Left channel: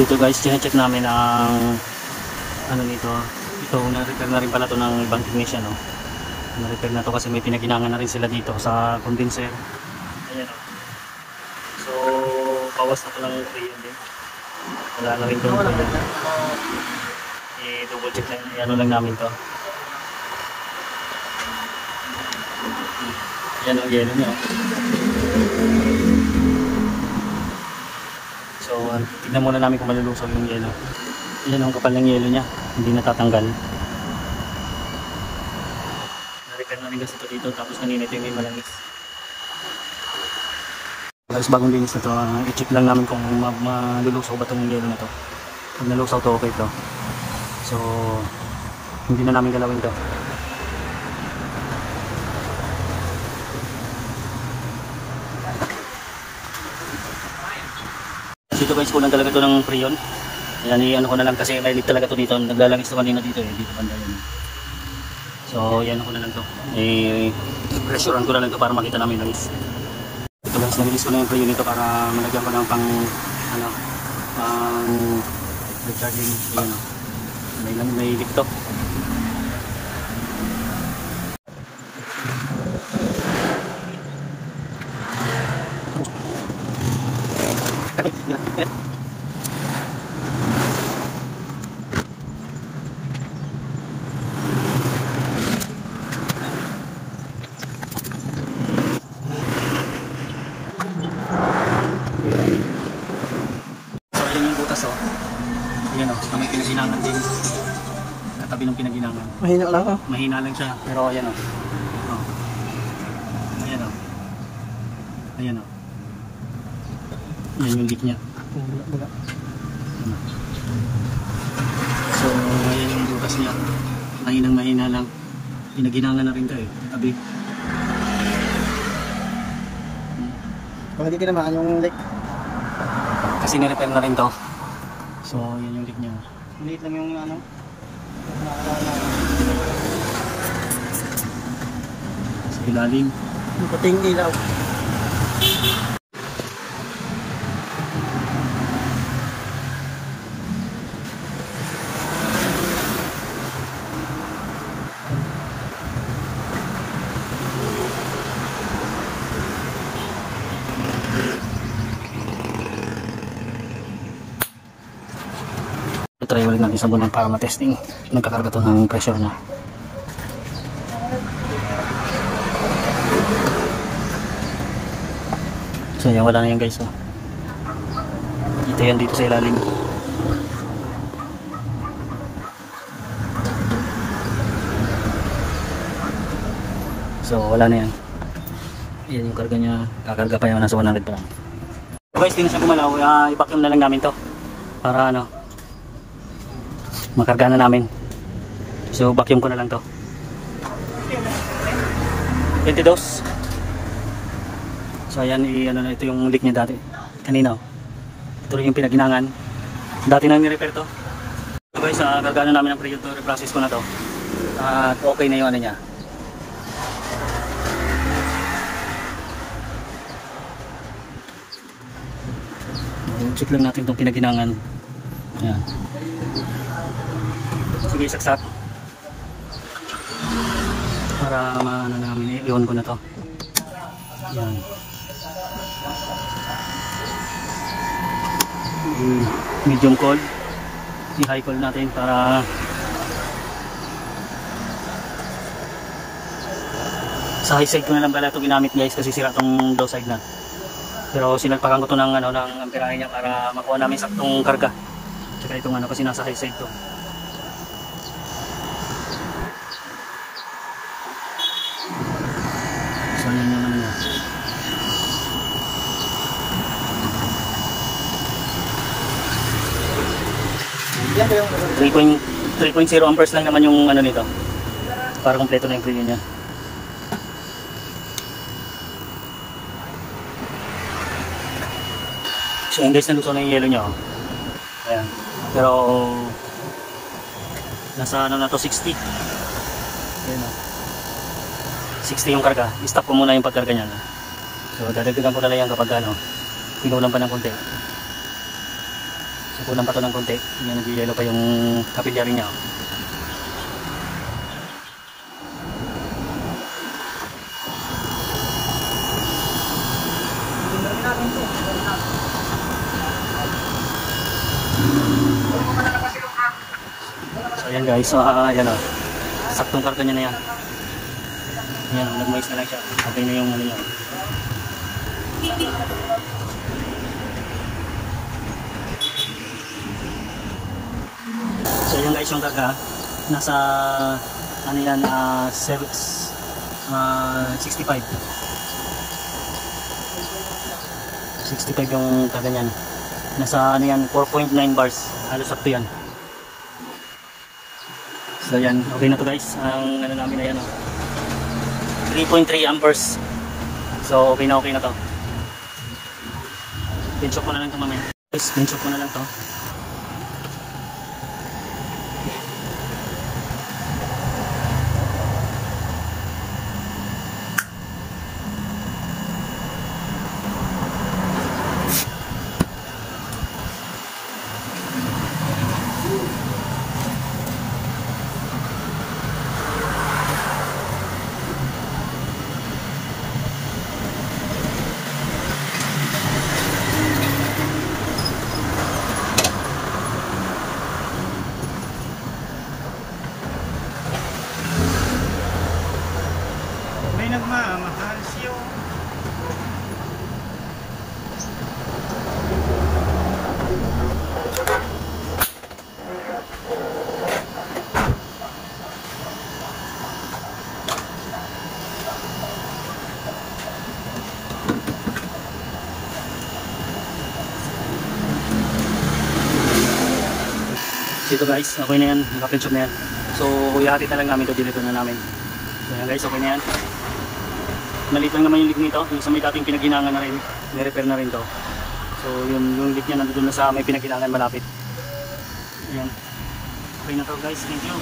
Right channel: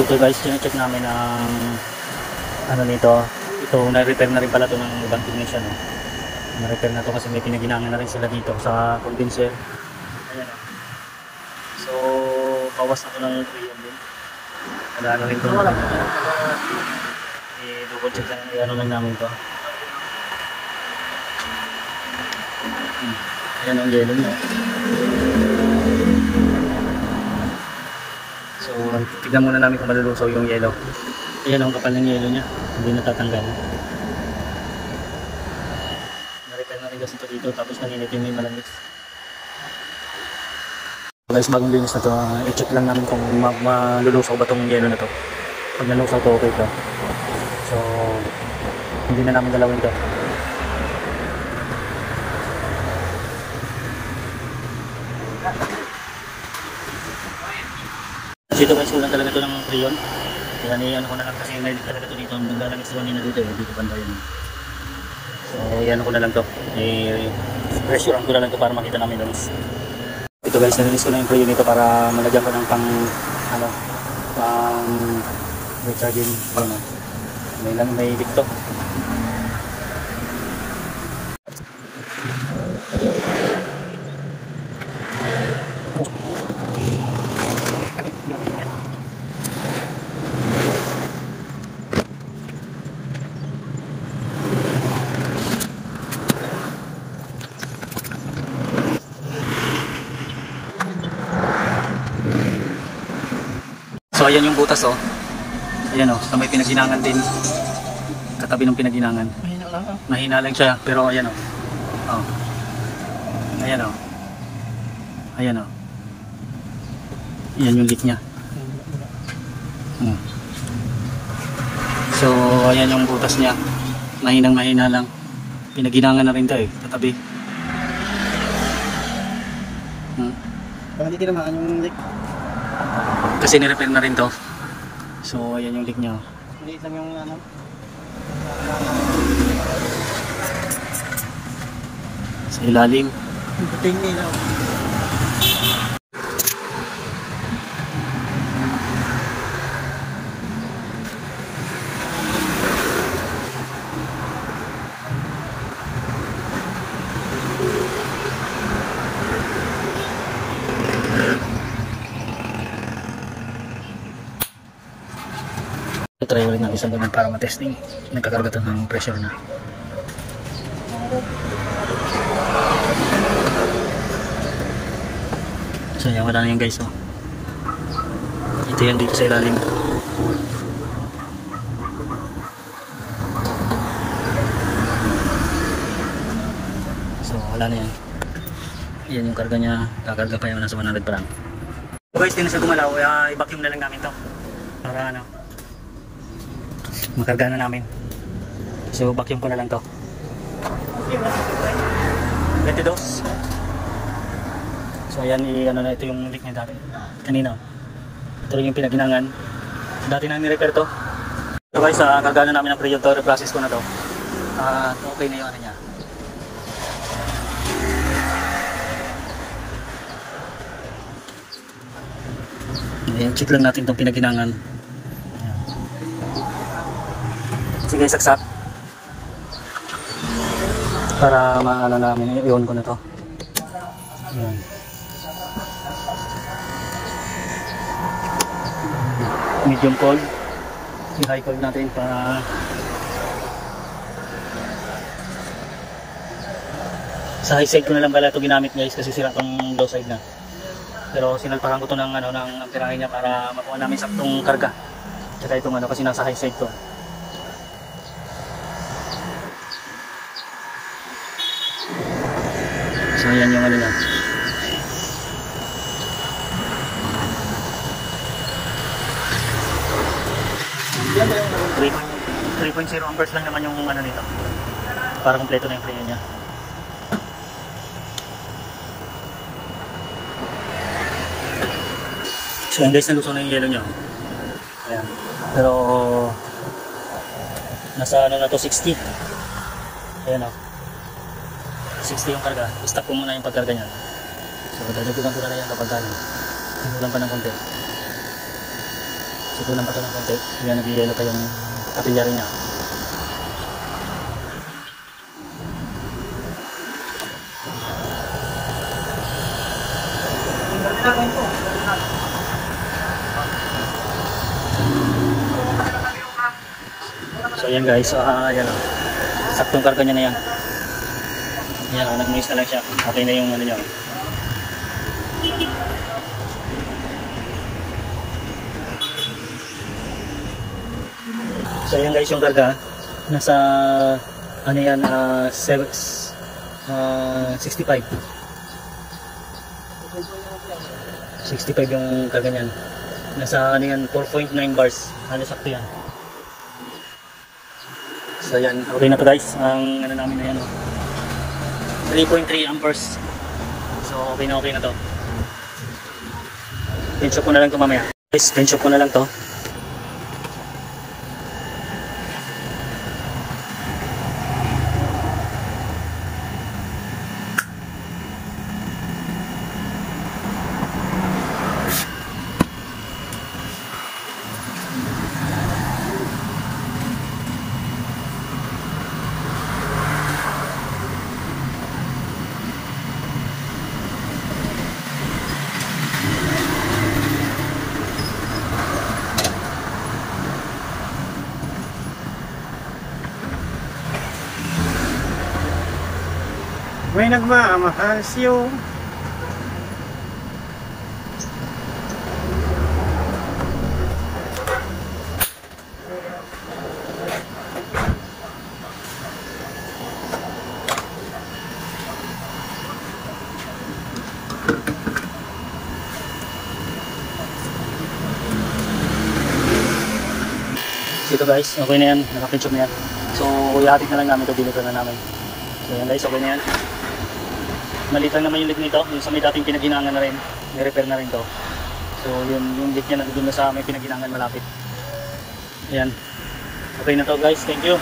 So ito guys, check namin ang ano nito. Ito, na-repair na rin pala ito ng ibang technician, no? Na-repair na to kasi may pinaginangan na rin sila dito sa condenser. Ayan, no? So bawas na ito ng freon din. Wala na rin ito. I-double check lang, ano lang namin to. Yan ang yellow niya. So tignan muna namin kung malulusaw yung yellow. Ayan ang kapal ng yellow niya, hindi natatanggal. Na-repair na rin kasi ito dito, tapos kanina ito yung may malangis. Guys, bagong linis na ito, i-check lang namin kung malulusaw ba itong yellow na ito. Pag nalusaw ito, okay ito. So hindi na namin dalawin ito. Ito guys, kulang talaga ito ng freon. Kaya ano ko na lang kasi may leak talaga ito dito. Naglalangis ito kanina dito eh. Dito panda yun. So yan ko na lang ito. Pressurean ko na lang ito para makita namin langis. Ito guys, nalinis ko na yung freon nito para malagyan ko ng pang recharging. Yun, may leak ito. So ayan yung butas, oh. Ayan, oh, so may pinaginangan din. Katabi ng pinaginangan. Mahina lang, oh. Mahina lang siya, pero ayan, oh. Oh. Ayan, oh. Ayan, oh. Ayan yung leak niya. So ayan yung butas niya. Mahina lang. Pinaginangan na rin ito, eh. Katabi. Baka hindi tinamaan yung leak. Kasi nirepair na rin to. So ayan yung leak niya. Maliit lang yung ano. Sa ilalim. Yung puting ilaw. Try ulit ng isabunan para matesting. Nagkakarga ito ng pressure na. So yan, wala na yun guys, oh. Ito yan dito sa ilalim. So wala na yan. Yan yung karga niya. Kakarga pa yun, nasa 100 pa lang. So guys, di na siya gumalaw. I-vacuum na lang namin to para ano, makarga na namin. So vacuum ko na lang to. 22. So ayan, ano na, ito yung leak niya dati. Kanina, ito yung pinaginangan. Dati na ni-repair to. So guys, karga na namin ng freon to. Reprocess ko na to. Okay na yung ano niya. Ayan, check lang natin itong pinaginangan. Ayan. Sige, saksak para maano namin, i-on ko na to. Ayan. Medium cold, i-high cold natin para sa high side ko na lang pala ito ginamit guys kasi sira tong low side na, pero sinalpakan ko to ng ano, ng kirahe niya para makuha namin saktong karga. Saka itong ano kasi nasa high side to. So yan yung ano niya. 3.0 amperes lang naman yung ano nito. Para kompleto na yung freon niya. So yan guys, naluto na yung yellow niya. Ayan. Pero nasa ano na to, 60. Ayan o. 60 yung karga. I-stop ko muna yung pagkarga niya. So dadagdagan ko na lang yan kapag ano, pinulang pa ng konti. So Ikunan pa ito ng konti. Yan, nag-yellow pa yung kapilya rin niya. So ayan guys, yan o. Saktong karga niya na yan. Yan o, nag-mais na lang siya. Okay na yung ano niya o. So ayan guys yung karga. Nasa ano yan, 65. 65 yung karga niyan. Nasa ano yan, 4.9 bars. Halos sakto yan. So yan, okay na to guys. Ang ano namin na yan, 3.3 amperes. So okay na to. Bench up ko na lang to mamaya. Guys, bench up ko na lang to. May nagmamahal siyo. Ito guys, okay na yan, nakapinchop na yan. So ihatid na lang namin ito, deliver na namin. So yan guys, okay na yan. Maliit lang naman yung leak nito, yung sa may dating pinaghinangan na rin, ni-repair na rin to. So yung leak niya nandito na sa may pinaghinangan malapit. Ayan, okay na to guys, thank you.